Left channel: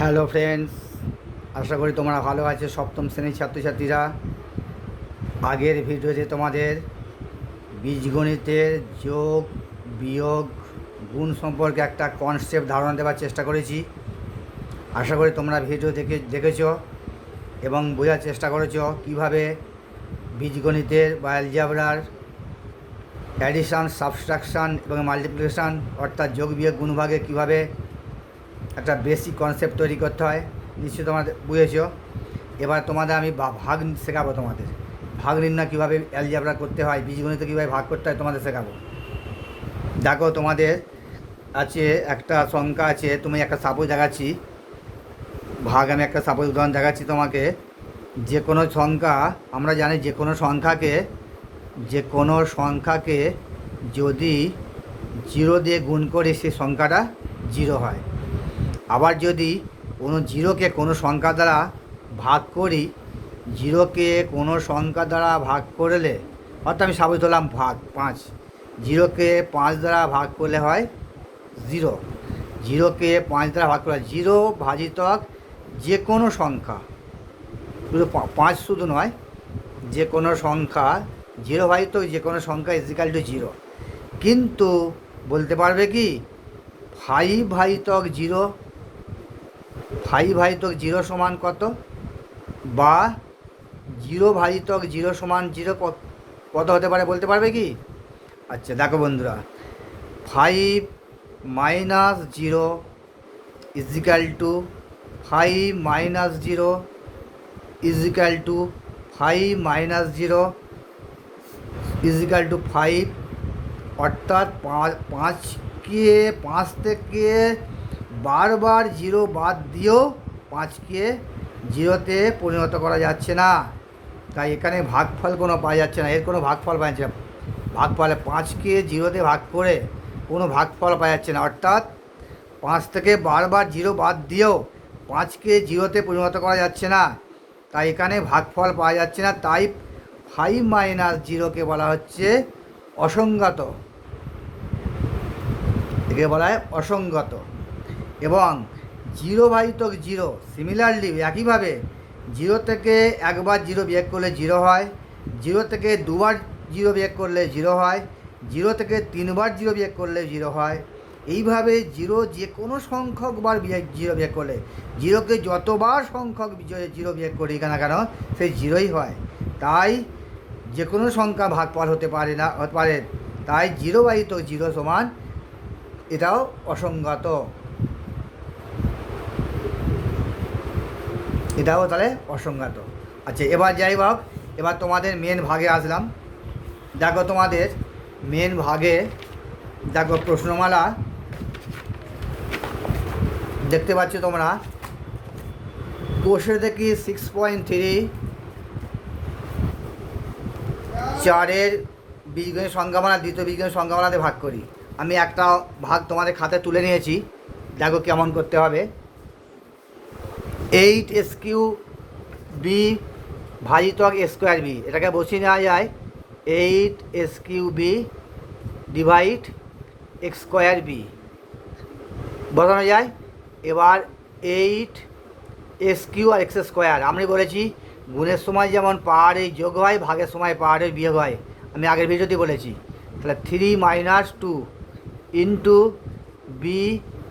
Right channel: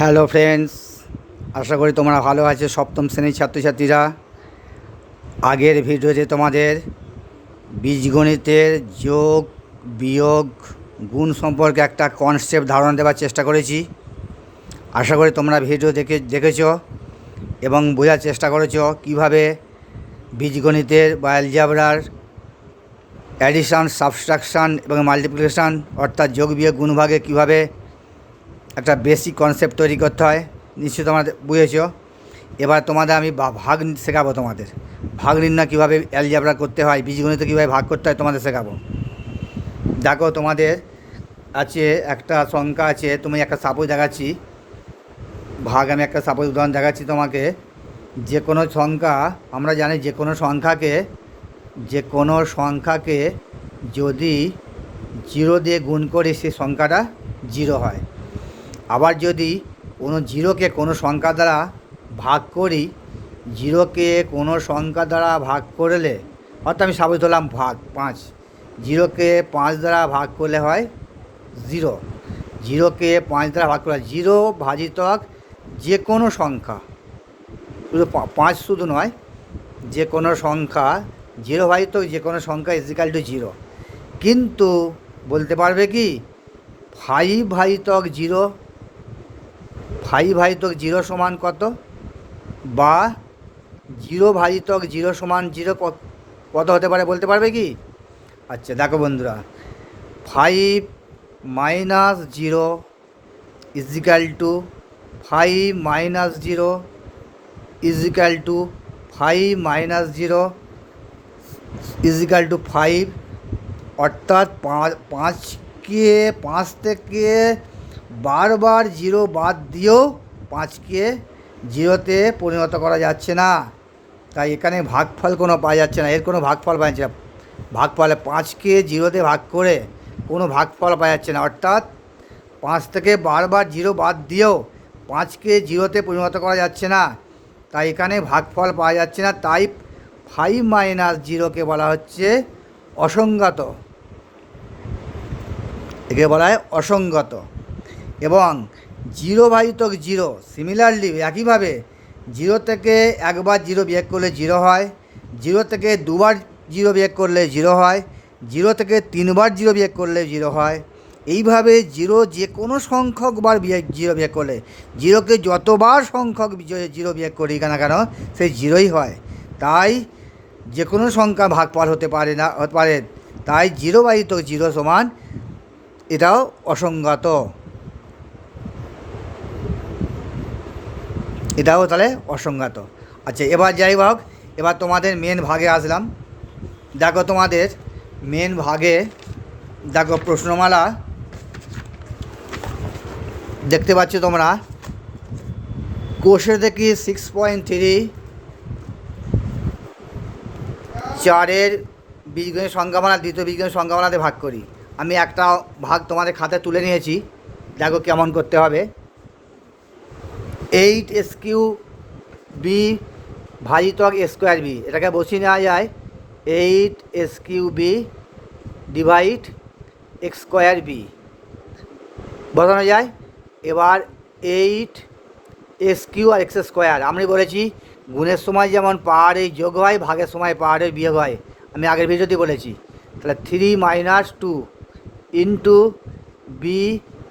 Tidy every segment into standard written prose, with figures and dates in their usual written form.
Hello friends, আশা করি তোমরা ভালো আছো। সপ্তম শ্রেণীর ছাত্রছাত্রীরা, আগের ভিডিওতে তোমাদের বীজগণিতের যোগ, বিয়োগ, গুণ সম্পর্কে একটা কনসেপ্ট ধারণা দেওয়ার চেষ্টা করেছি। আশা করি তোমরা ভিডিও দেখেছো এবং বোঝার চেষ্টা করেছো কীভাবে বীজগণিতের বা অ্যালজেব্রার অ্যাডিশান, সাবট্রাকশান এবং মাল্টিপ্লিকেশান অর্থাৎ যোগ, বিয়োগ, গুণভাগে কীভাবে একটা বেসিক কনসেপ্ট তৈরি করতে হয় নিশ্চয়ই তোমরা বুঝেছো। এবার তোমাদের আমি ভাগ শেখাবো। তোমাদের ভাগ নির্ণয় কীভাবে অ্যালজেব্রা করতে হয়, বীজগণিত কীভাবে ভাগ করতে হয় তোমাদের শেখাবো। দেখো, তোমাদের আছে একটা সংখ্যা আছে, তুমি একটা সাপোজ দেখাচ্ছি ভাগ। আমি একটা সাপোজ উদাহরণ দেখাচ্ছি তোমাকে। যে কোনো সংখ্যা, আমরা জানি যে কোনো সংখ্যাকে যদি জিরো দিয়ে গুণ করি সেই সংখ্যাটা জিরো হয়। আবার যদি কোনো জিরোকে কোনো সংখ্যা দ্বারা ভাগ করি, জিরোকে কোনো সংখ্যা দ্বারা ভাগ করলে, অর্থাৎ আমি সাবিত হলাম ভাগ 5, জিরোকে 5 দ্বারা ভাগ করলে হয় জিরো। জিরোকে 5 দ্বারা ভাগ করলে জিরো ভাজিতক যে কোনো সংখ্যা, শুধু 5 শুধু নয়, যে কোনো সংখ্যা, জিরো ভাজিতক যে কোনো সংখ্যা ইজিক্যাল টু জিরো। কিন্তু বলতে পারবে কি 5 ভাজিতক জিরো, 5 ভাজিতক জিরো সমান কত, বা 0 ভাজিতক জিরো সমান জিরো কত হতে পারে বলতে পারবে কি? আচ্ছা দেখো বন্ধুরা, 5 minus zero equal to 5 minus zero equal to 5 minus zero equal to 5। অর্থাৎ 5 থেকে বারবার জিরো বাদ দিয়েও 5কে জিরোতে পরিণত করা যাচ্ছে না। তাই এখানে ভাগফল কোনো পাওয়া যাচ্ছে না, এর কোনো ভাগফল পাওয়া যাচ্ছে না। ভাগফলে 5কে জিরোতে ভাগ করে কোনো ভাগফল পাওয়া যাচ্ছে না। অর্থাৎ 5 থেকে বারবার জিরো বাদ দিয়েও 5কে জিরোতে পরিণত করা যাচ্ছে না, তাই এখানে ভাগফল পাওয়া যাচ্ছে না। তাই 5 মাইনাস জিরোকে বলা হচ্ছে অসংগত, একে বলা হয় অসংগত। এবং জিরো ভাজিতক জিরো, সিমিলারলি একইভাবে জিরো থেকে একবার জিরো বিয়োগ করলে জিরো হয়, জিরো থেকে দুবার জিরো বিয়োগ করলে জিরো হয়, জিরো থেকে 3বার জিরো বিয়োগ করলে জিরো হয়। এইভাবে জিরো যে কোনো সংখ্যকবার জিরো বিয়োগ করলে, জিরোকে যতবার সংখ্যক জিরো বিয়োগ করি না কেন সেই জিরোই হয়। তাই যে কোনো সংখ্যা ভাগফল হতে পারে না, হতে পারে। তাই জিরো ভাজিতক জিরো সমান, এটাও অসংগত, এটাও তাহলে অসংগত। আচ্ছা, এবার যাই হোক, এবার তোমাদের মেন ভাগে আসলাম। দেখো তোমাদের মেন ভাগে, দেখো প্রশ্নমালা দেখতে পাচ্ছ তোমরা। কোষে দেখি 6.3 4-এর বীজগণিত সংখ্যামালা দ্বিতীয় বীজগণিত সংখ্যামালাতে ভাগ করি। আমি একটা ভাগ তোমাদের খাতায় তুলে নিয়েছি, দেখো কেমন করতে হবে। 8 বি ভাজিতক স্কোয়ার বি, এটাকে বসিয়ে নেওয়া যায় 8 B divide X square B বসানো যায়। এবার 8 আর এক্স স্কোয়ার, আমি বলেছি গুণের সময় যেমন পাহাড়ের যোগ হয়, ভাগের সময় পাহাড়ের বিয়োগ হয়, আমি আগের ভিডিওতে বলেছি। তাহলে 3 মাইনাস 2 ইন্টু বি,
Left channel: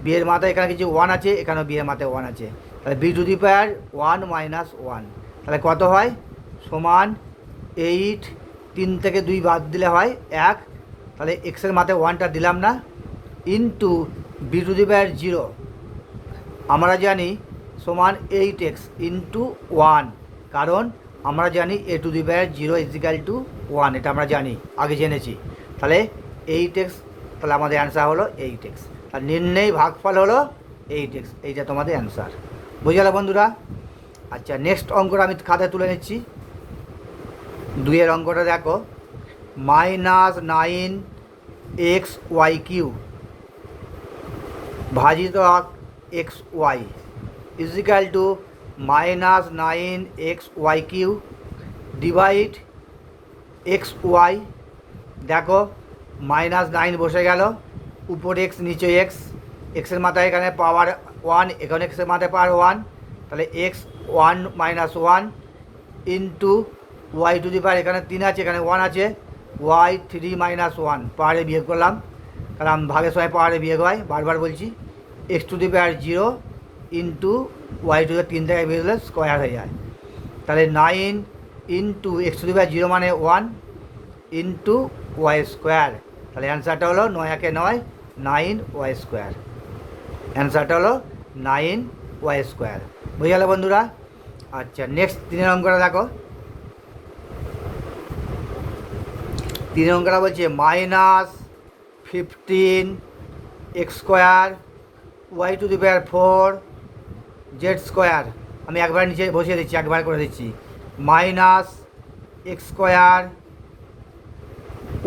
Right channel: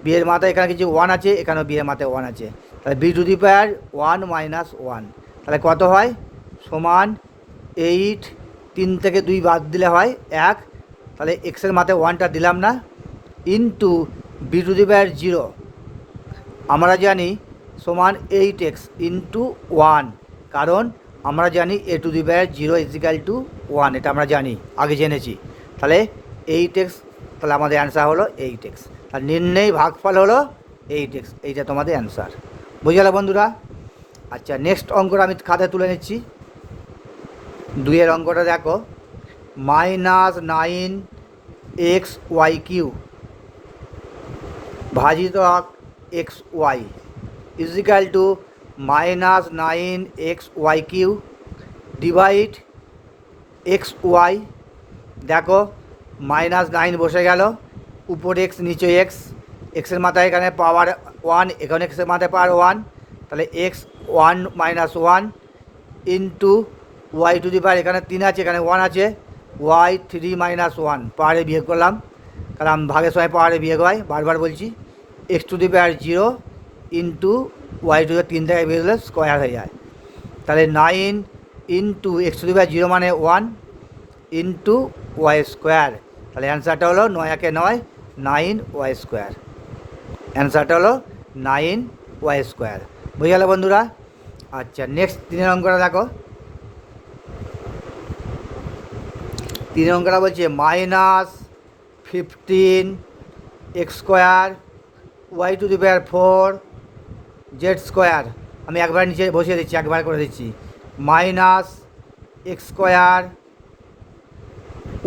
বিয়ের মাথায় এখানে কিছু 1 আছে, এখানেও বিয়ের মাথায় 1 আছে, তাহলে B to the power 1 minus 1, তাহলে কত হয় সমান 8, 3 থেকে 2 বাদ দিলে হয় 1, তাহলে এক্সের মাথায় 1টা দিলাম না, into b to the power 0 আমরা জানি সমান 8x ইন্টু 1, কারণ আমরা জানি a to the power 0 is equal to 1, এটা আমরা জানি, আগে জেনেছি। তাহলে 8x, তাহলে আমাদের অ্যান্সার হলো 8x। আর নির্ণয় ভাগফল হলো 8x, এইটা তোমাদের অ্যান্সার। বুঝে গেল বন্ধুরা? আচ্ছা, নেক্সট অঙ্কটা আমি খাতায় তুলে নিচ্ছি। 2-এর অঙ্কটা দেখো, -9xy³ ভাজিত xy equal to -9xy³ divide xy। দেখো -9 বসে গেল, উপরে এক্স নিচে এক্স, এক্সের মাথায় এখানে পাওয়ার ওয়ান, এখানে এক্সের মাথায় পাওয়ার ওয়ান, তাহলে x one minus one into Y to the power, এখানে 3 আছে, এখানে 1 আছে, ওয়াই 3 মাইনাস ওয়ান, পাওয়ারে বিয়োগ করলাম, কারণ ভাগের সময় পাওয়ারে বিয়োগ হয়, বারবার বলছি, X to the power 0 into Y to the 3 থেকে বিয়োগ হলে স্কোয়ার হয়ে যায়, তাহলে 9 into x to the power 0 মানে 1 ইন্টু ওয়াই স্কোয়ার, তাহলে অ্যান্সারটা হলো 9 একে 9, 9 ওয়াই স্কোয়ার, অ্যান্সারটা হলো 9 ওয়াই স্কোয়ার। বুঝে গেল বন্ধুরা? আচ্ছা, নেক্সট 3 অঙ্কটা দেখো। 3 অঙ্কটা বলছে -15 X square Y to the power 4 Z square, আমি একবার নিচে বসিয়ে দিচ্ছি, একবার করে দিচ্ছি, minus X square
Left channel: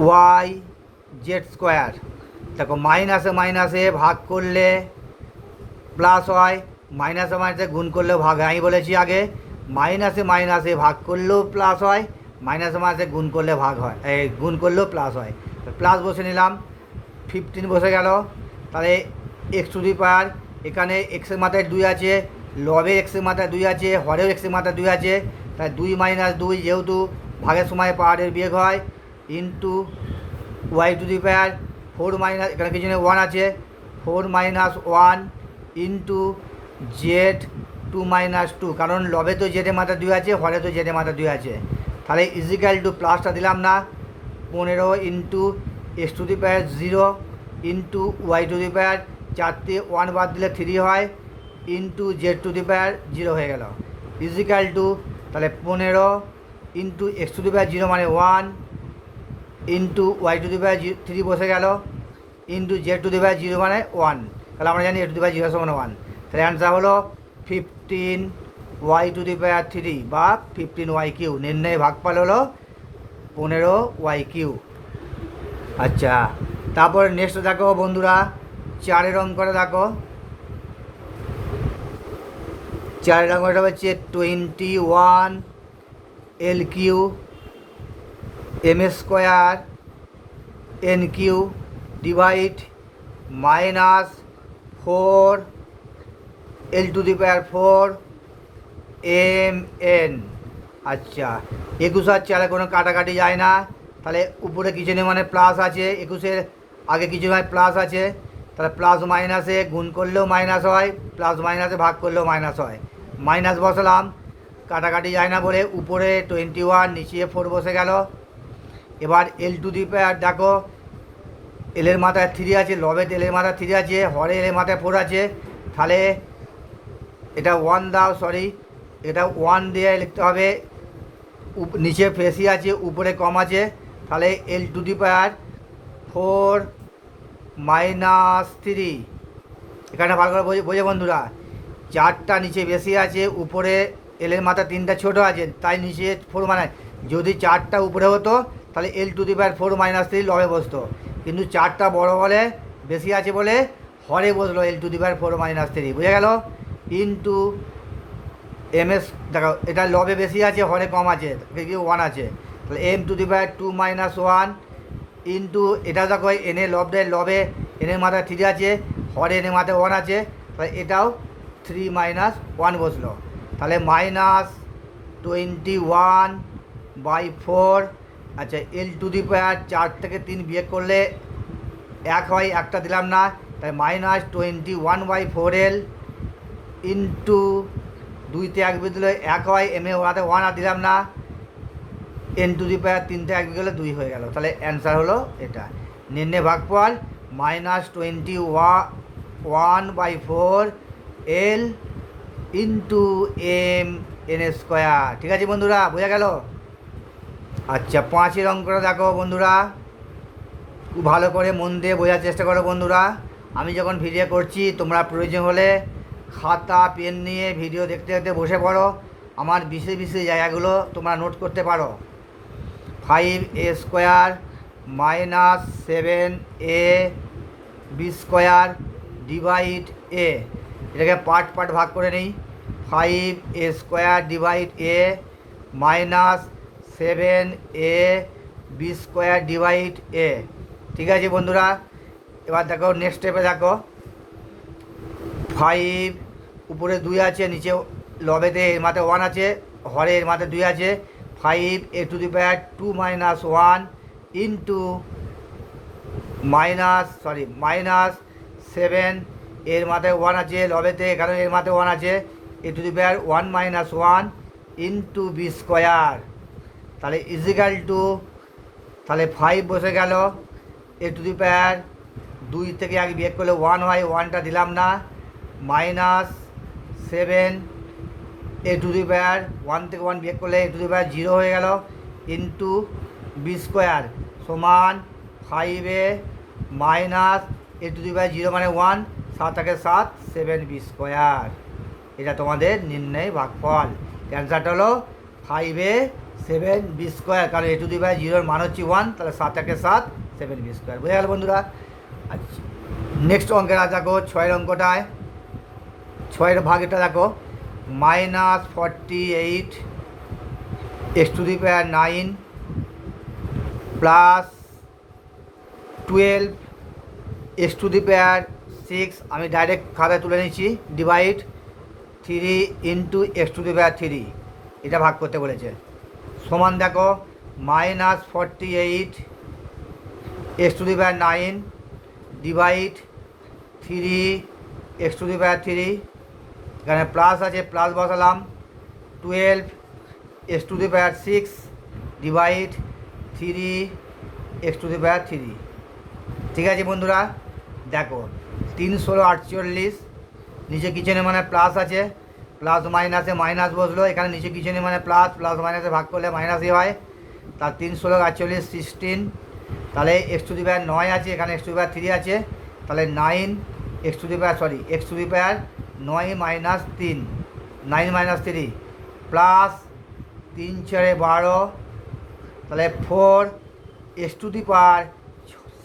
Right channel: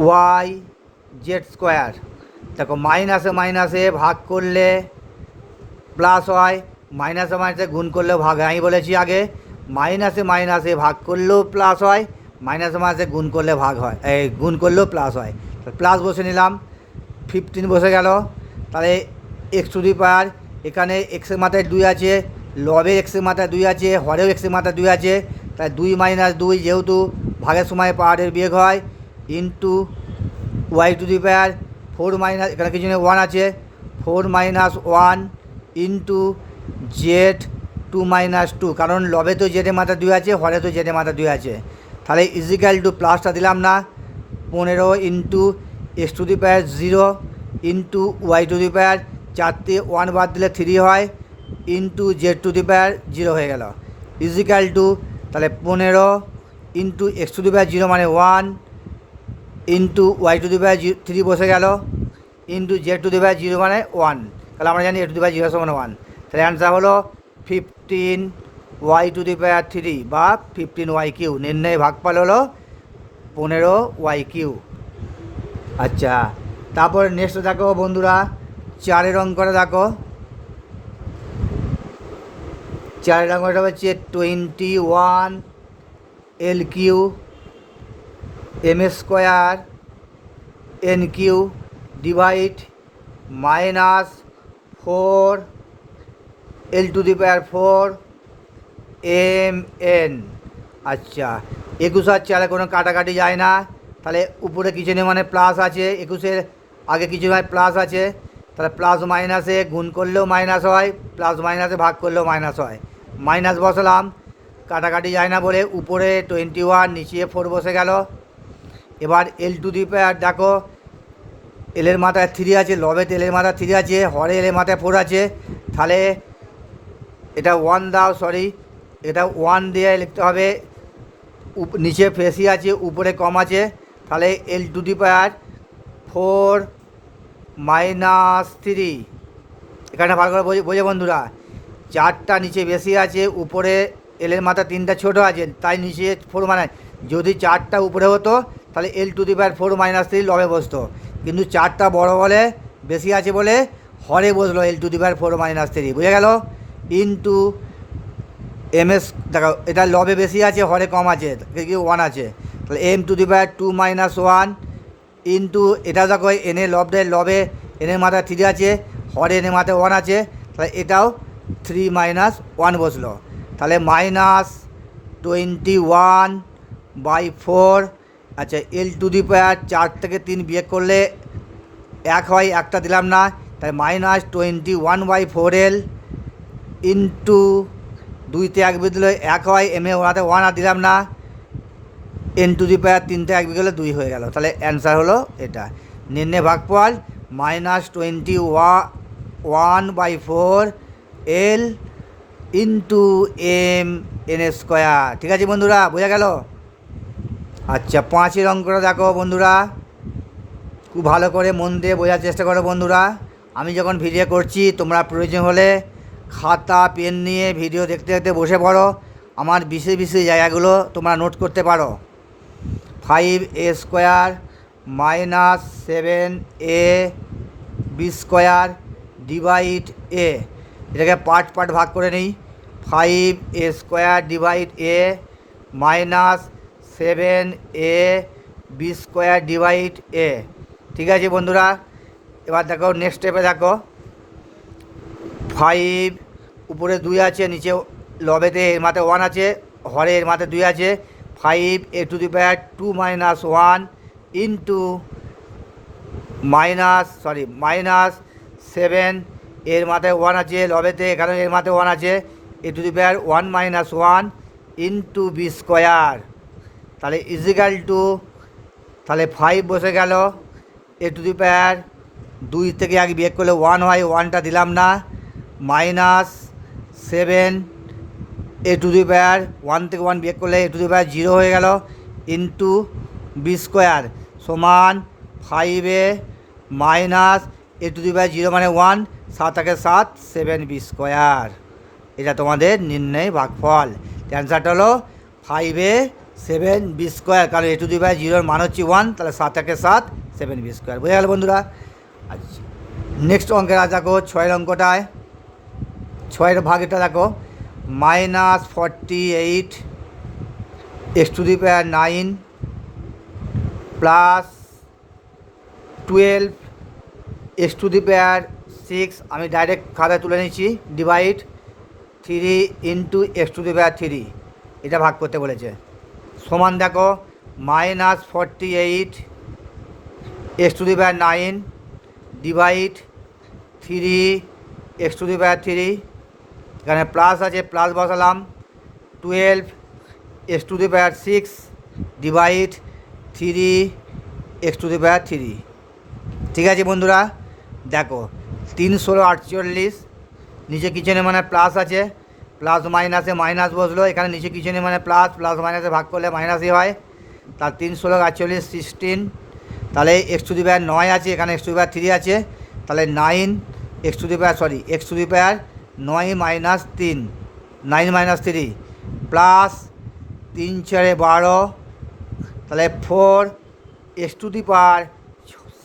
Y Z square. দেখো মাইনাসে মাইনাসে ভাগ করলে প্লাস হয়, মাইনাসে মাইনাসে গুণ করলেও ভাগ হয়, আমি বলেছি আগে মাইনাসে মাইনাসে ভাগ করলেও প্লাস হয়, মাইনাসে মাইনাসে গুণ করলে ভাগ হয়, এই গুণ করলেও প্লাস হয়, তো প্লাস বসে নিলাম, 15 বসে গেল, তাহলে এক্স টু দি পাওয়ার, এখানে এক্সের মাথায় 2 আছে, লবে এক্সের মাথায় 2 আছে, হরেও এক্সের মাথায় 2 আছে, তাই 2 মাইনাস 2 যেহেতু ভাগের সময় পাওয়ারের বিয়োগ হয়, into Y to the power 4 minus, এখানে কিছু নেই 1 আছে, 4 মাইনাস 1 ইন্টু জেড 2 মাইনাস 2, কারণ লবে তো জেডের মাথায় 2 আছে, হরে তো জেডের মাথায় 2 আছে, তাহলে ইজিক্যাল টু প্লাসটা দিলাম না, 15 into x to the power 0 into Y to the power, 4তে 1 বাদ দিলে 3 হয়, into z to the power 0 হয়ে গেল, ইজিক্যাল টু, তাহলে 15 into x to the power 0 মানে 1 into Y to the power 3 বসে গেল, into z to the power 0 মানে 1, তাহলে আমরা জানি এ টু দি পাওয়ার 0 সমান 1, তাহলে অ্যান্সার হলো 15 ওয়াই টু দি পাওয়ার 3 বা 15 ওয়াই কিউ, নির্ণয় ভাগফল হলো 15 ওয়াই কিউ। আচ্ছা, তারপর নেক্সট দেখো বন্ধুরা, 4 অঙ্কটা দেখো, 4 অঙ্কটা হচ্ছে 21 L Q M square N Q divide -4 L to the power 4 M N. আচ্ছা, 21 আর 4 কোনো কাটাকাটি যায় না, তাহলে উপরে কিছু নেই মানে প্লাস আছে, 21-এর আগে কিছু নয় প্লাস আছে, তাহলে প্লাস মাইনাসে গুণ করলেও মাইনাস হয়, প্লাস মাইনাসে ভাগ করলেও মাইনাস হয়, মাইনাস বসালাম, কাটাকাটি যায় না বলে উপরে 21, নিচে 4 বসে গেল। এবার এল টু দি পাওয়ার দেখো, এলের মাথায় 3 আছে, লবে এলের মাথায় 3 আছে, হরে এলের মাথায় 4 আছে, তাহলে এটা 1 দাও, সরি এটা 1 দিয়ে লিখতে হবে, নিচে বেশি আছে উপরে কম আছে, তাহলে এল টু দি পাওয়ার 4 মাইনাস 3, এখানে ভালো করে বোঝে বন্ধুরা, 4টা নিচে বেশি আছে, উপরে এলের মাথা 3টা ছোটো আছে, তাই নিচে 4 মানে, যদি 4টা উপরে হতো তাহলে এল টু দি পাওয়ার 4 মাইনাস 3 লবে বসতো, কিন্তু 4টা বড় বলে বেশি আছে বলে হরে বসলো এল টু দি পাওয়ার 4 মাইনাস 3, বুঝে গেল, ইন্টু এম এস, দেখো এটা লবে বেশি আছে, হরে কম আছে, 1 আছে, তাহলে M to the power 2 minus 1 into এটা দেখো এনে লবে এনের মাথায় 3 আছে, হরে এনের মাথায় 1 আছে, তাহলে এটাও 3 মাইনাস 1 বসলো, তাহলে -21/4। আচ্ছা, এল টু দি পাওয়ার 4 থেকে 3 বিয়োগ করলে 1 হয়, একটা দিলাম না, তাই -21/4L ইন্টু 2তে 1 বিয়োগ দিলে 1 হয়, এমে ওনাতে 1 আর দিলাম না, এন টু দি পাওয়ার 3তে 1 বিয়োগ গেলে 2 হয়ে গেল, তাহলে অ্যান্সার হলো এটা, নির্ণয় ভাগফল -21/4L into M N square. ঠিক আছে বন্ধুরা, বোঝা গেল? আচ্ছা, 5 অঙ্কটা দেখো বন্ধুরা, খুব ভালো করে মন দিয়ে বোঝার চেষ্টা করো বন্ধুরা, আমি যখন ভিডিও করছি তোমরা প্রয়োজন হলে খাতা পেন নিয়ে ভিডিও দেখতে দেখতে বসে পড়ো, আমার বিশেষ বিশেষ জায়গাগুলো তোমরা নোট করতে পারো। 5a square minus 7ab square divide a, এটাকে পার্ট পার্ট ভাগ করে নিই, 5a square divide a minus 7ab square divide a. ঠিক আছে বন্ধুরা, এবার দেখো নেক্সট স্টেপে দেখো, ফাইভ উপরে 2 আছে, নিচে লবেতে এর মাথায় 1 আছে, হরে এর মাথায় 2 আছে, 5 a to the power 2 minus 1 into minus 7 এর মাথায় 1 আছে, লবেতে এখানে এর মাথায় 1 আছে, a to the power 1 minus 1 into b square. তাহলে ইজিক্যাল টু, তাহলে 5 বসে গেল, এ টু দি পাওয়ার 2 থেকে আগে বিয়োগ করলে 1 হয়, 1টা দিলাম না, minus 7 A to the power 1 থেকে 1 বিয়োগ করলে এ টু দি পাওয়ার 0 হয়ে গেল, ইন্টু বি স্কোয়ার সমান 5 minus A to the power 0 মানে 1, 7 থেকে 7 7 বি স্কোয়ার। এটা তোমাদের নির্ণয় ভাগফল। অ্যান্সারটা হলো 5 বি স্কোয়ার, কারণ এ টু দি পাওয়ার 0 মান হচ্ছে 1, তাহলে 7 থেকে 7 7 বি স্কোয়ার। বুঝে গেল বন্ধুরা? আচ্ছা, নেক্সট অঙ্কের আজ দেখো 6 অঙ্কটায়, 6 ভাগটা দেখো, minus 48 x to the power 9 plus 12 x to the power 6, আমি ডাইরেক্ট খাতায় তুলে নিচ্ছি, divide 3 into x to the power 3, এটা ভাগ করতে বলেছে। সমান দেখো minus 48 x to the power 9 divide 3 x to the power 3, এখানে প্লাস আছে, প্লাস বসালাম, 12 x to the power 6 divide 3 x to the power 3। ঠিক আছে বন্ধুরা, দেখো 3 ষোলো 48, নিচে কিচেনে মানে প্লাস আছে, প্লাস মাইনাসে মাইনাস বসলো, এখানে নিচে কিচেনে মানে প্লাস, প্লাস মাইনাসে ভাগ করলে মাইনাসই হয়, তার 3 ষোলো 48 16, তাহলে এক্স টু দি পাওয়ার 9 আছে, এখানে এক্স টু দি পাওয়ার 3 আছে, তাহলে 9 x to the power x to the power 9 minus 3 9 minus 3 plus 3 4 12, তাহলে 4 x to the power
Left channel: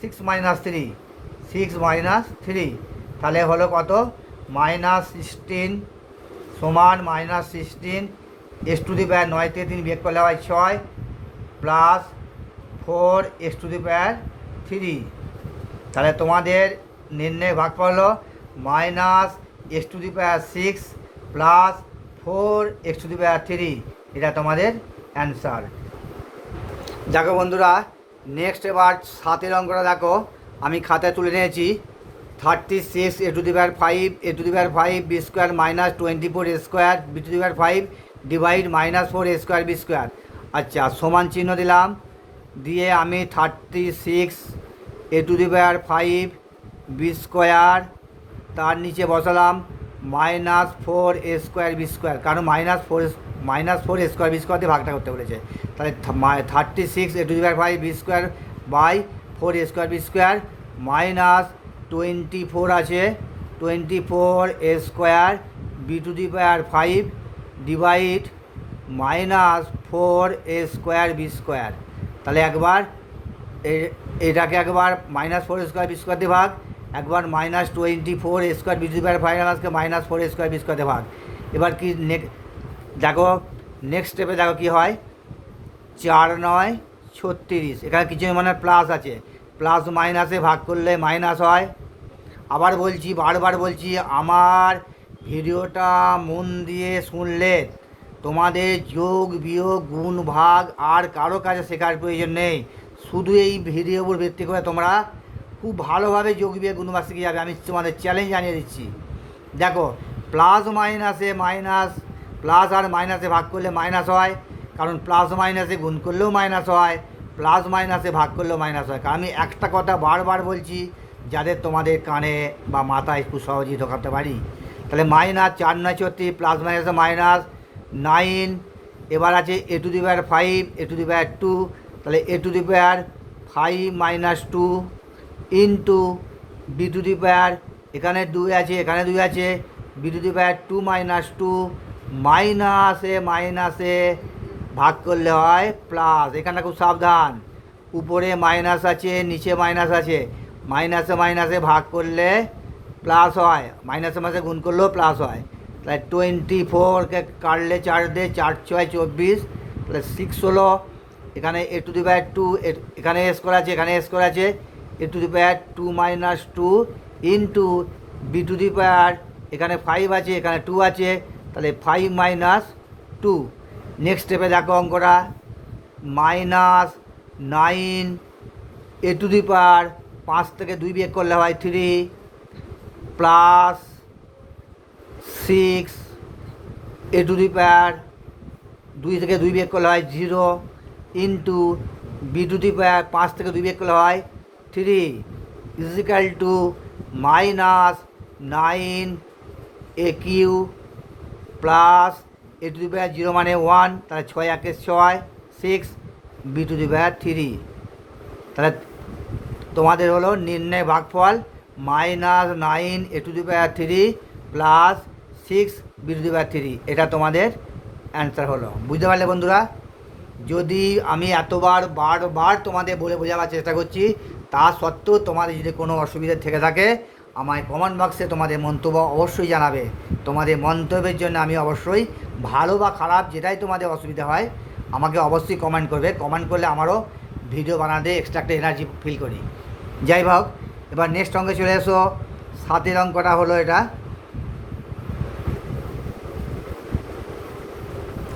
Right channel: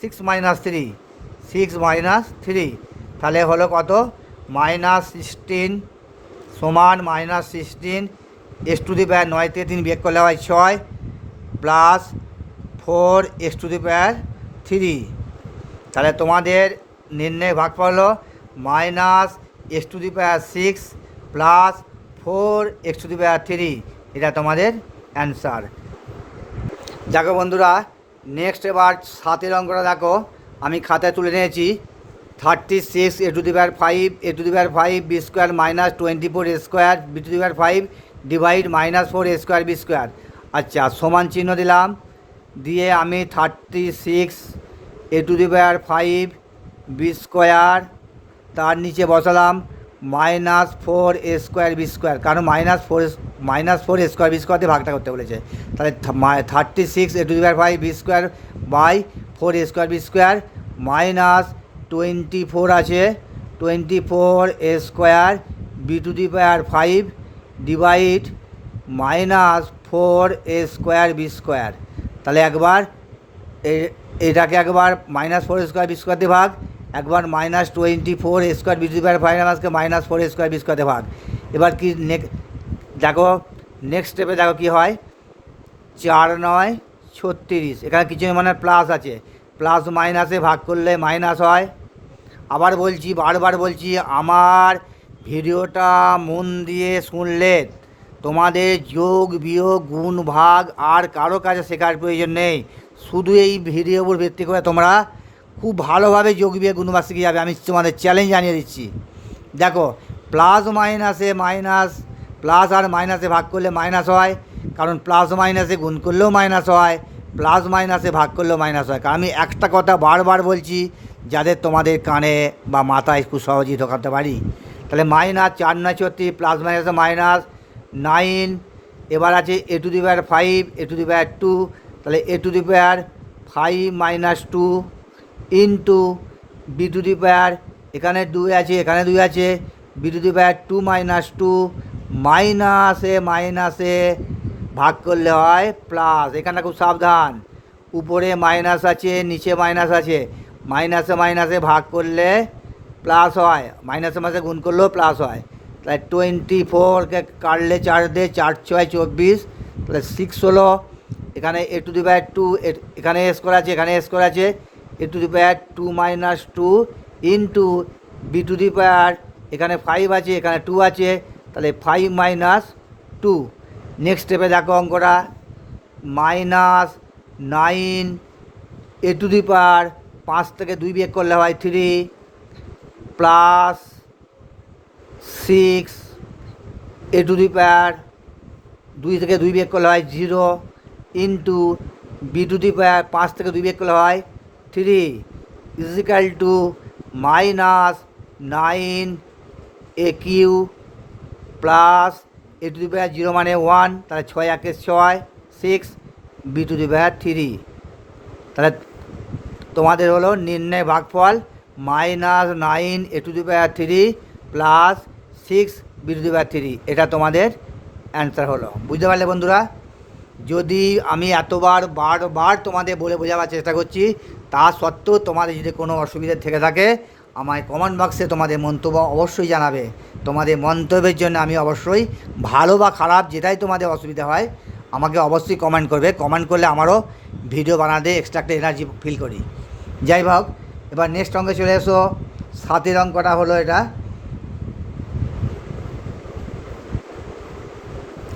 6 minus 3 6 minus 3, তাহলে হলো কত, মাইনাস 16 সমান minus 16 x to the power 9 থেকে 3 বিয়োগ করলে হয় 6 plus 4 x to the power 3। তাহলে তোমাদের নির্ণয় ভাগফল হলো minus x to the power 6 plus 4 x to the power 3, এটা তোমাদের অ্যান্সার। দেখো বন্ধুরা, নেক্সট এবার 7 অঙ্কটা দেখো, আমি খাতায় তুলে নিয়েছি, 36 a to the power 5 a to the power 5 b square minus 24 a square b to the power 5 divide minus 4 a square b square. আচ্ছা, সমান চিহ্ন দিলাম, দিয়ে আমি 36 a to the power 5 b square, তার নিচে বসালাম minus 4 a square b square, কারণ minus 4 a square b square দিয়ে ভাগটা করতে বলেছে। তাহলে 36 a to the power 5 b square by 4 a square b square minus 24 আছে, 24 a square b to the power 5 divide minus 4 a square b square. তাহলে একবার এটাকে একবার মাইনাস 4 স্কোয়ার বি স্কোয়ার দিয়ে ভাগ, একবার minus 24 a square b to the power 5 আজকে minus 4 square b square দিয়ে ভাগ। এবার কি দেখো নেক্সট স্টেপে দেখো কী হয়, 4 9 36, এখানে কিছু মানে প্লাস আছে, প্লাস মাইনাসে ভাগ করলে মাইনাস হয়। আবার বলছি, বারবার বলছি, আমার ভিডিওটা মন দিয়ে শুনলে তোমাদের যোগ বিয়োগ গুণ ভাগ আর কারো কাছে শেখার প্রয়োজন নেই, শুধু এই ভিডিওর উপর ভিত্তি করে তোমরা খুব ভালোভাবে যোগ বিয়োগ গুণ ভাগ শিখে যাবে, আমি তোমাদের চ্যালেঞ্জ জানিয়ে দিচ্ছি। দেখো প্লাস মাইনাসে মাইনাস, প্লাস আর মাইনাসে ভাগ করলে মাইনাস হয়, কারণ প্লাস মাইনাসে গুণ করলেও মাইনাস হয়, প্লাস মাইনাসে ভাগ করলেও মাইনাস হয়। কারণ আমি একটা কথা বারবার বলছি, যাদের তোমাদের কানে বা মাথায় খুব সহজেই ঢোকাতে পারি। তাহলে মাইনাস 4 9 36 প্লাস মাইনাসে মাইনাস 9, এবার আছে a to the power 5 a to the power 2, তাহলে a to the power 5 minus 2 into b to the power, এখানে 2 আছে এখানে 2 আছে, b to the power 2 minus 2 মাইনাসে ভাগ করলে হয় প্লাস। এখানে খুব সাবধান, উপরে মাইনাস আছে নিচে মাইনাস আছে, মাইনাসে ভাগ করলে প্লাস হয়, মাইনাসে মাসে গুণ করলেও প্লাস হয়। তাহলে 24কে কাটলে 4 দিয়ে 4 6 24, তাহলে 6 হলো, এখানে এ টু দি পাওয়ার 2 এখানে এস করা আছে এখানে এস করা আছে, a to the power 2 minus 2 into b to the power এখানে 5 আছে, এখানে 2 আছে, তাহলে 5 মাইনাস 2। নেক্সট স্টেপে দেখো অঙ্কটা, minus 9 a to the power 5 থেকে 2 বিয়োগ করলে হয় 3, plus 6 A to the power 2 থেকে 2 বিয়োগ করলে হয় 0, into b to the power 5 থেকে 2 বিয়োগ করলে হয় 3 equal to minus 9 a q plus a to the power 0 মানে 1, তাহলে 6 1 6, 6 বি টু দি পাওয়ার 3। তাহলে তোমাদের হলো নির্ণয় ভাগফল minus 9 a to the power 3 plus 6 b to the power 3। এটা তোমাদের অ্যান্সার হলো। বুঝতে পারলে বন্ধুরা? যদি আমি বারবার তোমাদের বলে বোঝাবার চেষ্টা করছি, তা সত্ত্বেও তোমাদের যদি কোনো অসুবিধা থেকে থাকে আমায় কমেন্ট বক্সে তোমাদের মন্তব্য অবশ্যই জানাবে। তোমাদের মন্তব্যের জন্য আমি অবশ্যই, ভালো বা খারাপ যেটাই তোমাদের অসুবিধা হয় আমাকে অবশ্যই কমেন্ট করবে। কমেন্ট করলে আমারও ভিডিও বানাতে এক্সট্রা একটা এনার্জি ফিল করি। যাই হোক, এবার নেক্সট অঙ্কে চলে এসো। 7 অঙ্কটা হলো এটা।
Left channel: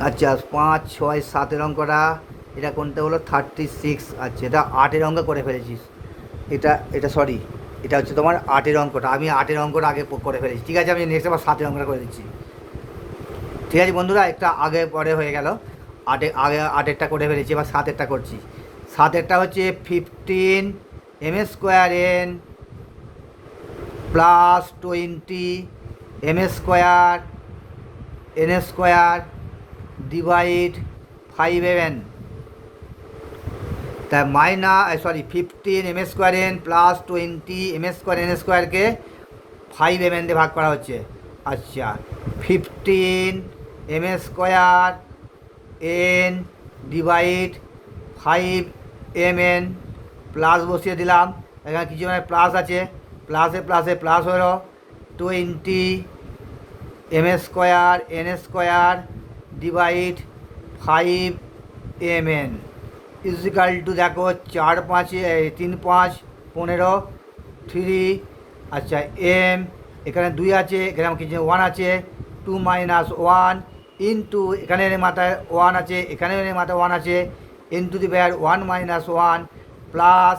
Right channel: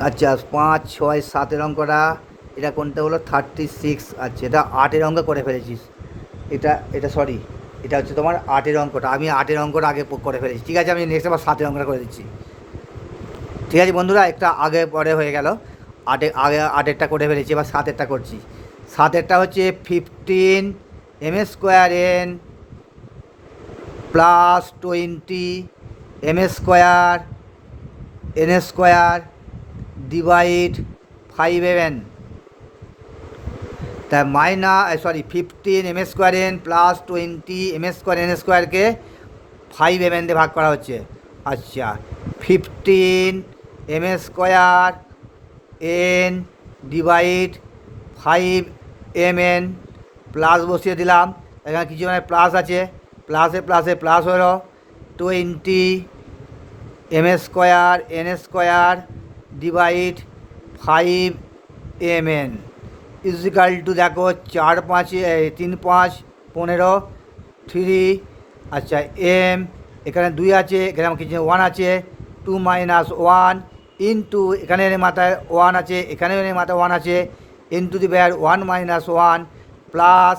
আচ্ছা 5 6 7 অঙ্কটা, এটা কোনটা হলো 36। আচ্ছা এটা 8 অঙ্ক করে ফেলেছিস। এটা সরি, এটা হচ্ছে তোমার 8 অঙ্কটা। আমি 8 অঙ্কটা আগে করে ফেলেছি। ঠিক আছে, আমি নেক্সট আবার 7 অঙ্কটা করে দিচ্ছি। ঠিক আছে বন্ধুরা, একটা আগে পরে হয়ে গেল। আগে 8টা করে ফেলেছি, এবার 7টা করছি। 7টা হচ্ছে 15 m square n plus 20 M square N square divide 5m। তা 15 m square n plus 20 M square n স্কোয়ারকে 5m দিয়ে ভাগ করা হচ্ছে। আচ্ছা 15 m square n divide 5mn plus বসিয়ে দিলাম। এখানে কিছু মানে প্লাস আছে, প্লাসে প্লাসে প্লাস হলো 20 M square N square divide 5mn equal to দেখো 4 5 3 5 15 3। আচ্ছা এম, এখানে 2 আছে, এখানে কিছু 1 আছে, 2 মাইনাস 1 ইন্টু এখানে মাথায় 1 আছে, এখানে মাথায় 1 আছে, into the power 1 minus 1 plus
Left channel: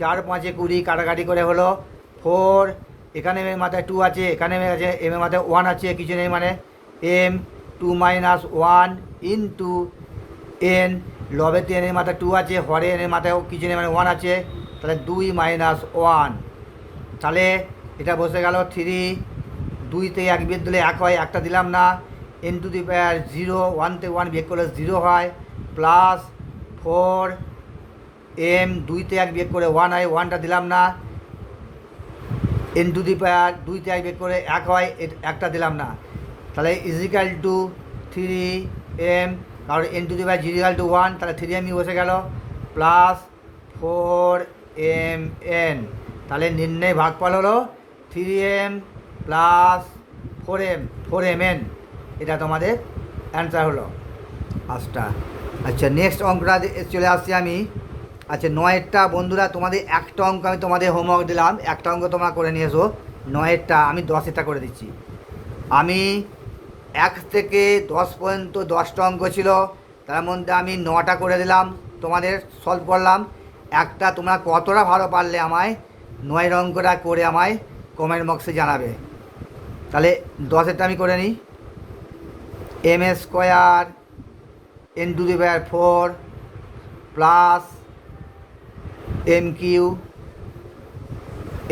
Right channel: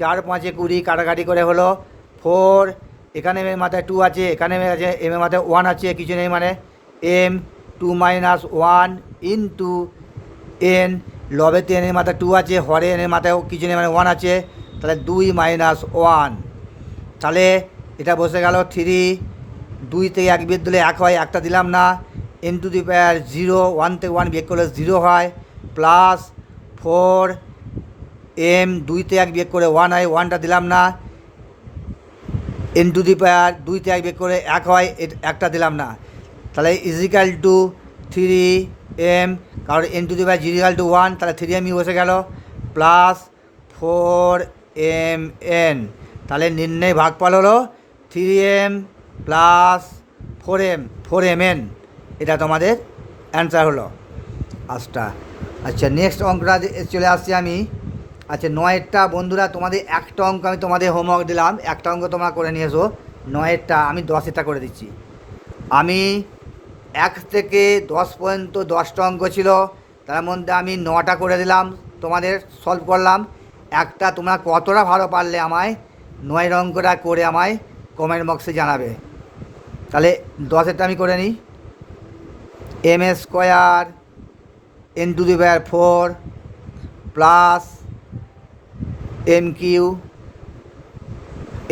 4 5 20 কাটাকাটি করে হলো 4। এখানে মাথায় 2 আছে, এখানে আছে এম এর মাথায় 1 আছে, কিছু নেই মানে এম 2 মাইনাস 1 ইন্টু এন, লবেতে এনের মাথায় 2 আছে, হরে এনের মাথায় কিছু নেই মানে 1 আছে, তাহলে 2 মাইনাস 1। তাহলে এটা বসে গেল 3, 2 থেকে 1 বিয়োগ দিলে 1 হয়, একটা দিলাম না, এন টু দি পাওয়ার 0, 1 থেকে 1 বিয়োগ করলে 0 হয়, প্লাস 4 এম, 2 থেকে 1 বিয়োগ করে 1 হয়, 1টা দিলাম না, এন টু দি পাওয়ার 2 থেকে 1 বিয়োগ করে 1 হয়, একটা দিলাম না, তাহলে ইজিক্যাল টু 3m, কারণ N to the power equal to 1, তাহলে 3m বসে গেল, প্লাস 4mn। তাহলে নির্ণয় ভাগফল হলো 3m প্লাস 4mn। এটা তোমাদের অ্যান্সার হলো 5টা। আচ্ছা নেক্সট অঙ্কটা চলে আসছি আমি। আচ্ছা 9টা বন্ধুরা, তোমাদের একটা অঙ্ক আমি তোমাদের হোমওয়ার্ক দিলাম, একটা অঙ্ক তোমরা করে নিয়ে এসো। 9টা আমি 10টা করে দিচ্ছি। আমি 1 থেকে 10 পর্যন্ত 10টা অঙ্ক ছিল, তার মধ্যে আমি 9টা করে দিলাম, তোমাদের সলভ করলাম। একটা তোমরা কতটা ভালো পারলে আমায় 9 অঙ্কটা করে আমায় কমেন্ট বক্সে জানাবে। তাহলে 10টা আমি করে নিই। M square N to the power 4 plus m q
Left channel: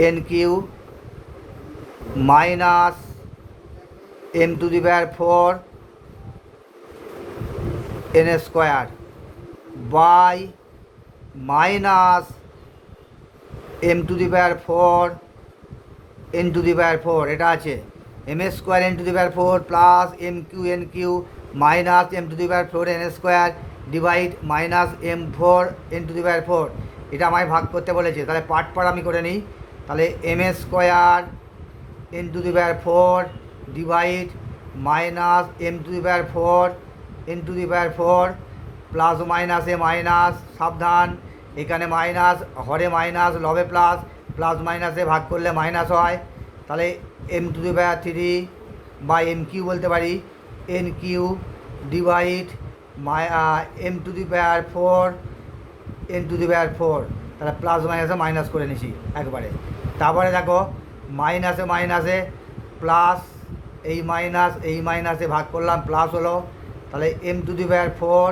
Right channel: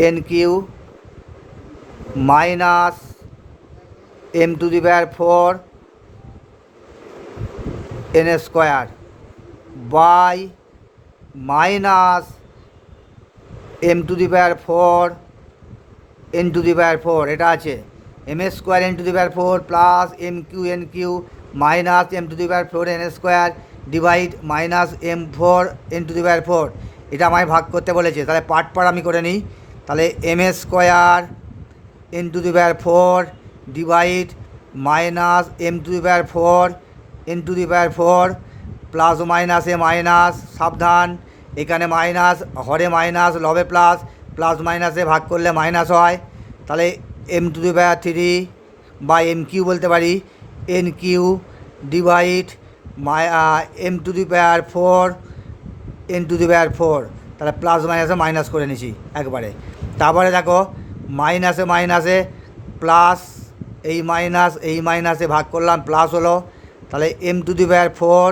n q minus M to the power 4 n square by minus M to the power 4 N to the power 4। এটা আছে m square N to the power 4 plus m q minus M to the power 4 n square divide minus m4 n to the power 4। এটা আমায় ভাগ করতে বলেছে, তাহলে part আমি করে নিই। তাহলে M square N to the power 4 divide minus M to the power 4 N to the power 4 plus মাইনাসে মাইনাস, সাবধান এখানে মাইনাস, হরে মাইনাস, লবে প্লাস, প্লাস মাইনাসে ভাগ করলে মাইনাস হয়, তাহলে এম টু দি পাওয়ার 3 বা এম কিউ বলতে পারি, n Q divide m to the power 4 N to the power 4। তাহলে প্লাস মাইনাসে মাইনাস করে নিছি একবারে। তারপরে দেখো মাইনাসে মাইনাসে প্লাস, এই মাইনাসে ভাগ করলাম, প্লাস হলো। তাহলে M to the power 4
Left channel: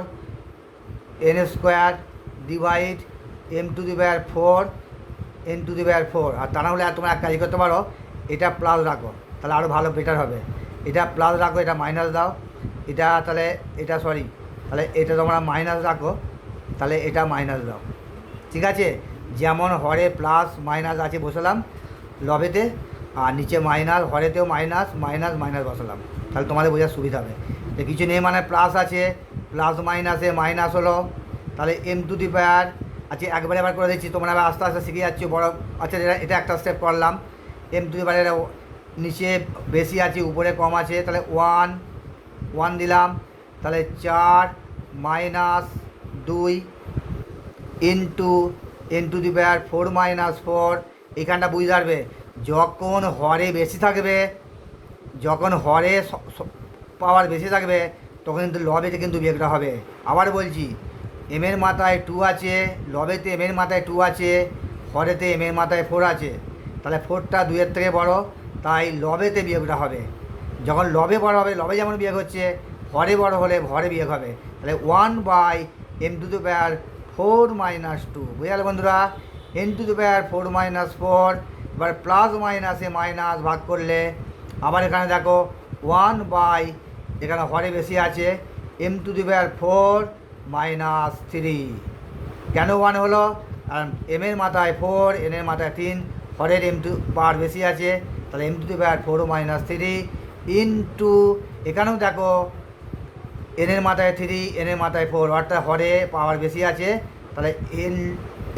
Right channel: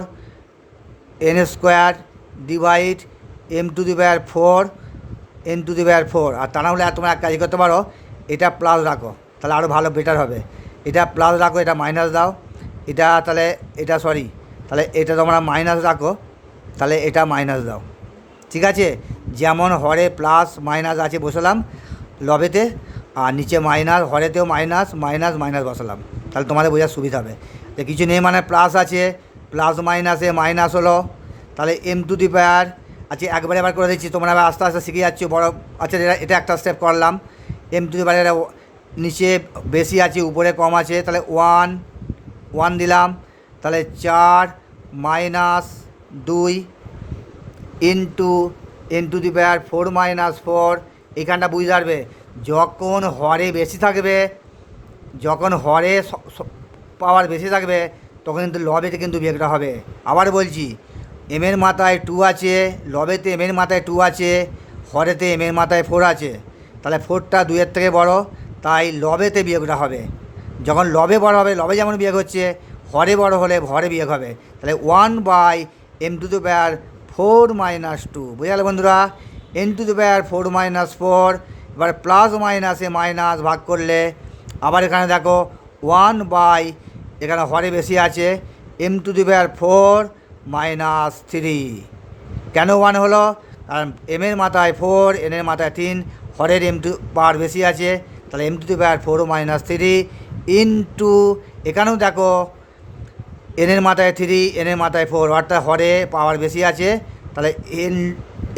n square divide m to the power 4 N to the power 4। আর তা না হলে তোমরা এক কাজ করতে পারো, এটা প্লাস রাখো, তাহলে আরও ভালো বেটার হবে। এটা প্লাস রাখো, এটা মাইনাস দাও, এটা তাহলে এটা সরি, তাহলে এটা তোমরা মাইনাস রাখো, তাহলে এটা মাইনাস দাও। ঠিক আছে, যেমন হরে প্লাস মাইনাস আছে বসালাম লবেতে, আর নিচে মাইনাস, হরেতেও মাইনাস মাইনাস মাইনাস বসালাম, তাহলে তোমাদের বোঝার সুবিধা হবে। তো কিছু নেই মানে প্লাস আছে, প্লাস মাইনাসে মাইনাস হলো। তাহলে এম টু দি পাওয়ার আচ্ছা একবারে আবার করে দিচ্ছি, তোমরা আবার আস্তে আস্তে শিখে যাচ্ছ বড়। আচ্ছা এটা একটা স্টেপ করলাম, এম টু দি পাওয়ার নিচে বেশি আছে উপরে কম আছে, তাহলে 1 দিলাম। তাহলে 4 minus 2 into n to the power 4 minus 4। এখানটা বুঝতে পারবে, যখন হরে বেশি থাকবে, যখন হরে পাওয়ার বেশি থাকবে তখন কিন্তু লবেতে কিন্তু বিয়োগটা হবে। আবার বলছি, এমের মাথায় 2 আছে, লবেতে এমের মাথায় 2 আছে, হরেতে এমের মাথায় 4 আছে। তাহলে 4টা 2-এর থেকে বড়, তাই লবেতে বিয়োগটা হবে। যখন লবে বড় হবে, লবে যেমন বিয়োগ হচ্ছে, হরে বড় হলে হরে বিয়োগ হবে। তাহলে 1/m to the power 4 minus 2। বুঝে গেল বন্ধুরা, n to the power 4 minus 4। এবার প্লাস মাইনাসে মাইনাস ভাগ করলে আবার এখানে দেখো 1/, এখানে হরে বেশি আছে, m to the power 4 minus 3। কেন 1 হলো? কারণ এমের মাথায় 4, এনের মাথায় 3, হরের m টু পাওয়ার বেশি আছে, তাহলে m to the power 4 minus 3 into, এখানেও দেখো এনের মাথায় 3, এনের মাথায় 4, অর্থাৎ হরে পাওয়ার বেশি আছে, তাহলে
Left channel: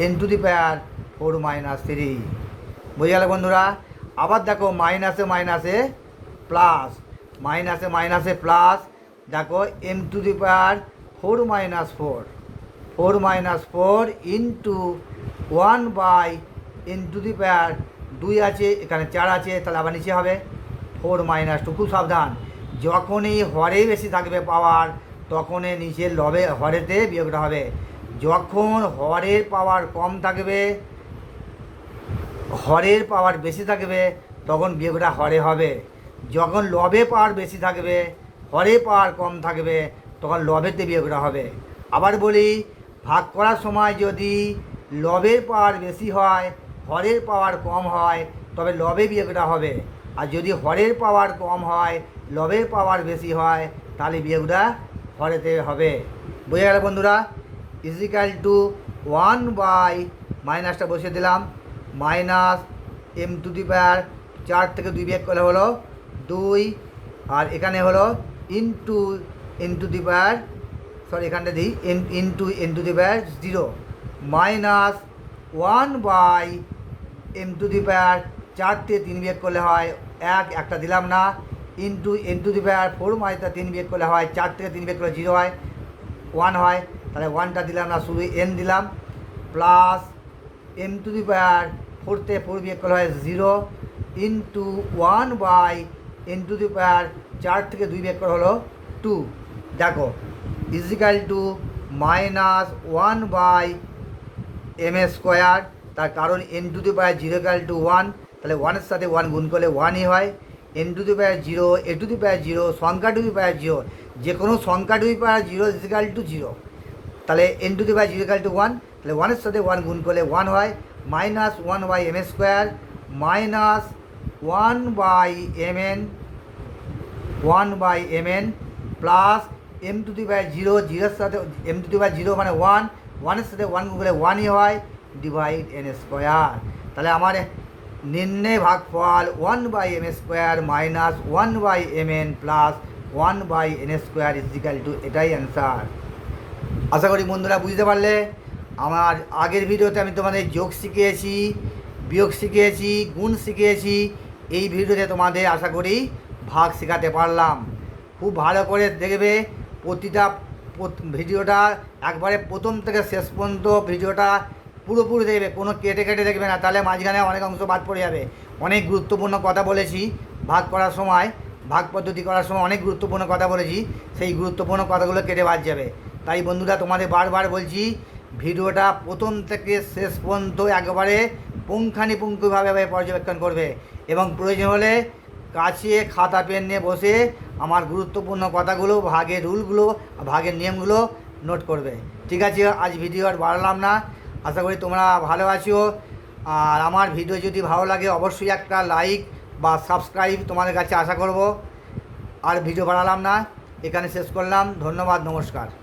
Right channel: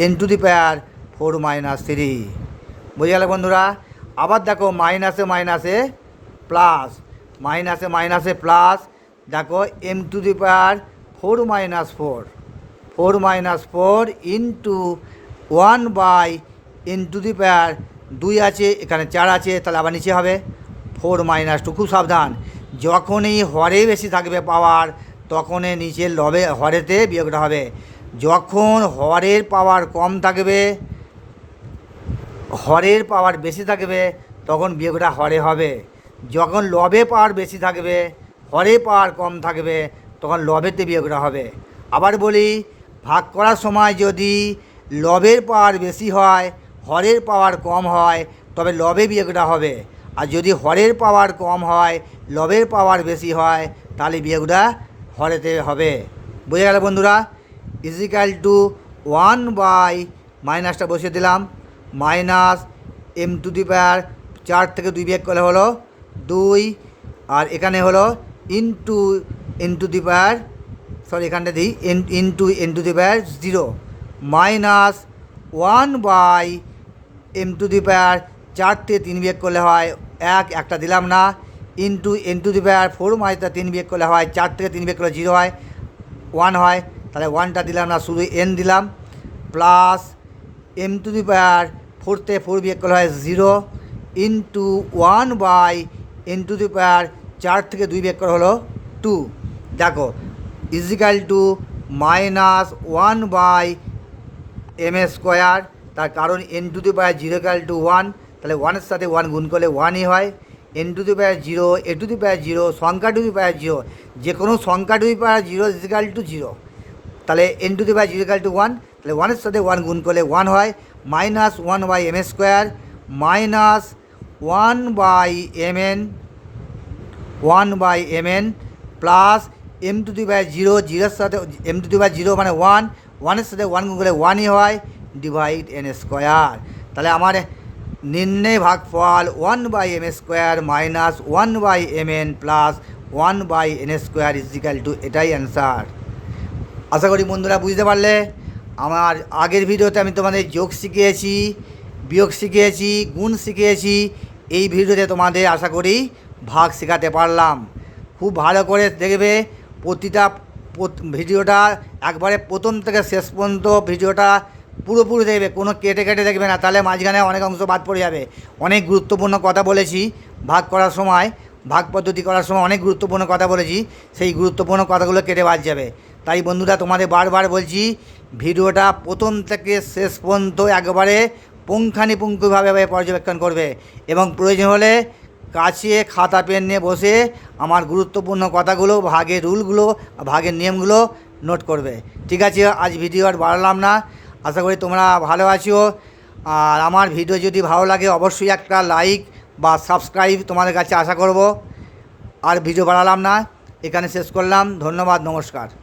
N to the power 4 minus 3। বুঝে গেল বন্ধুরা। আবার দেখো মাইনাসে মাইনাসে প্লাস, মাইনাসে মাইনাসে প্লাস, দেখো m to the power 4 minus 4 minus 4 ইন্টু 1/n টু দি পাওয়ার 2 আছে, এখানে 4 আছে, তাহলে আবার নিচে হবে 4 মাইনাস 2। খুব সাবধান, যখনই হরে বেশি থাকবে পাওয়ার, তখনই নিচের লবে হরেতে বিয়োগটা হবে। যখন হরের পাওয়ার কম থাকবে, হরের পাওয়ার বেশি থাকবে, তখন বিয়োগটা হরে হবে। যখন লবে পাওয়ার বেশি থাকবে, হরে পাওয়ার কম থাকবে, তখন লবেতে বিয়োগটা হবে। আবার বলি, ভাগ করার সময় যদি লবের পাওয়ার বেশি হয়, হরের পাওয়ার কম হয়, তবে লবে বিয়োগটা হবে। আর যদি হরের পাওয়ার কম হয়, লবের পাওয়ার বেশি হয়, তাহলে বিয়োগটা হরেতে হবে। বুঝে গেল বন্ধুরা। ইজিক্যাল টু 1/, মাইনাসটা বসিয়ে দিলাম, minus M to the power 4 থেকে 2 বিয়োগ করলে হলো 2, আর এখানে হলো into n to the power, sorry এখানটা দিই into n to the power 0 minus 1/m to the power 4 থেকে 3 বিয়োগ করলে হয় 1, একটা দিলাম না, into n to the power 4 minus 3 বিয়োগ করলে হয় 4 থেকে 3 বিয়োগ করলে 0 হয়, 1 হয়, তাহলে 1টা দিলাম না, শুধু n দিলাম, plus M to the power 4 থেকে 4 বিয়োগ করলে হয় 0 into 1/n to the power 4 থেকে 2 বিয়োগ করা হলো 2। দেখো is equal to minus 1/m square, তার কারণ n to the power 0 equal to 1, তাহলে 1-এর সাথে 1 গুণ করলে 1ই হয়। n to the power 0, a to the power 0, সংখ্যা টু দি পাওয়ার 0, যে কোনো সংখ্যা to the power 0 equal to 0, তাহলে n to the power 0 equal to 1, তাহলে 1-এর সাথে 1 গুণ করলে 1 হয়, minus 1/m square minus 1/mn plus m to the power 0, 0-এর সাথে m টু দি পাওয়ার 0 মানে 1, 1-এর সাথে 1 গুণ করলে 1ই হয়, ডিভাইড n স্কোয়ার। তাহলে আমার নির্ণয় ভাগফল 1/m square minus 1/mn plus 1/n square equal to, এটাই অ্যান্সার। আশা করি বন্ধুরা বুঝতে পারলে। আমার আগের ভিডিওতে আমি তোমাদের যোগ শিখিয়েছি, বিয়োগ শিখিয়েছি, গুণ শিখিয়েছি, এই ভিডিওতে তোমাদের আশা করি ভাগ শেখাতে পারলাম। খুব ভালো করে দেখবে প্রতিটা ভিডিওটা, একবারে প্রথম থেকে শেষ পর্যন্ত ভিডিওটা পুরোপুরি দেখবে, কোনো কেটে কেটে দেখবে না, তাহলে মাঝখানে অনেক অংশ বাদ পড়ে যাবে। অনেক গুরুত্বপূর্ণ কথা বলেছি, ভাগ করার সময় ভাগ পদ্ধতি করার সময় অনেক গুরুত্বপূর্ণ কথা বলেছি, সেই গুরুত্বপূর্ণ কথাগুলো কেটে বাদ যাবে। তাই বন্ধুরা তোমাদের বারবার বলছি, ভিডিওটা প্রথম থেকে শেষ পর্যন্ত একবারে পুঙ্খানুপুঙ্খভাবে পর্যবেক্ষণ করবে এবং প্রয়োজন হলে কাছে খাতা পেন নিয়ে বসে আমার গুরুত্বপূর্ণ কথাগুলো, ভাগের রুলগুলো, ভাগের নিয়মগুলো নোট করবে। ঠিক আছে, আজ ভিডিও আর বাড়ালাম না, আশা করি তোমরা ভালো আছো। আর আমার ভিডিও যদি ভালো লাগে অবশ্যই একটা লাইক বা সাবস্ক্রাইব তোমাদের কাছে আশা করব। আর ভিডিও বাড়ালাম না, এখানে শেষ করলাম। ধন্যবাদ, নমস্কার।